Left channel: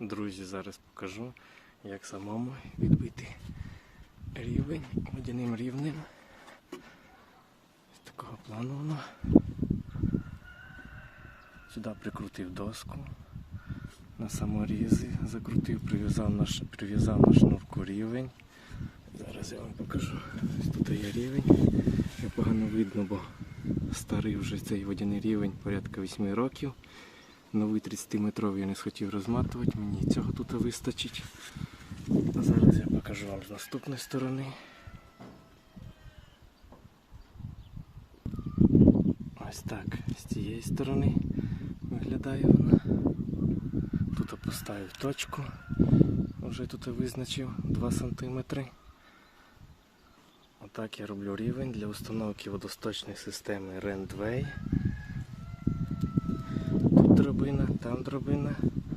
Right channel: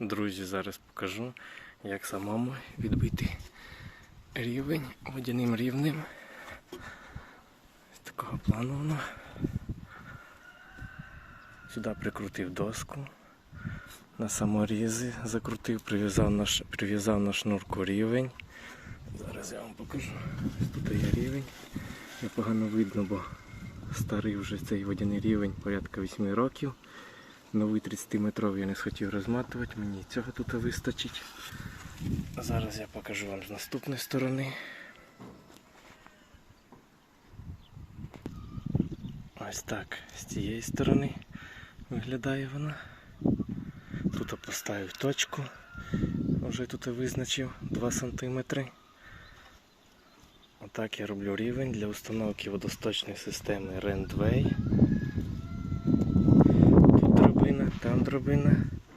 Друзі, зараз покажу, як самому відбити рівень водяним рівнем. Такого плану воно. Сюди прикрутив доску. На саморізи закрутив, прив'язав на, прив'язав на шнурку рівень. Зараз я вам покажу. Ось тут є рівень. Я погано видно, бо старий вже цей водяний рівень порядка 8 років. Новий 30-метровий я не схотів розматувати, мені цього тут вистачить. Зараз я покажу вам з наступної сторони. Ось так, з цієї сторони виглядає вона. Тут поставив точку, вже тут визначив 2 см. Отак я роблю рівень для установки водосточної системи Randway там.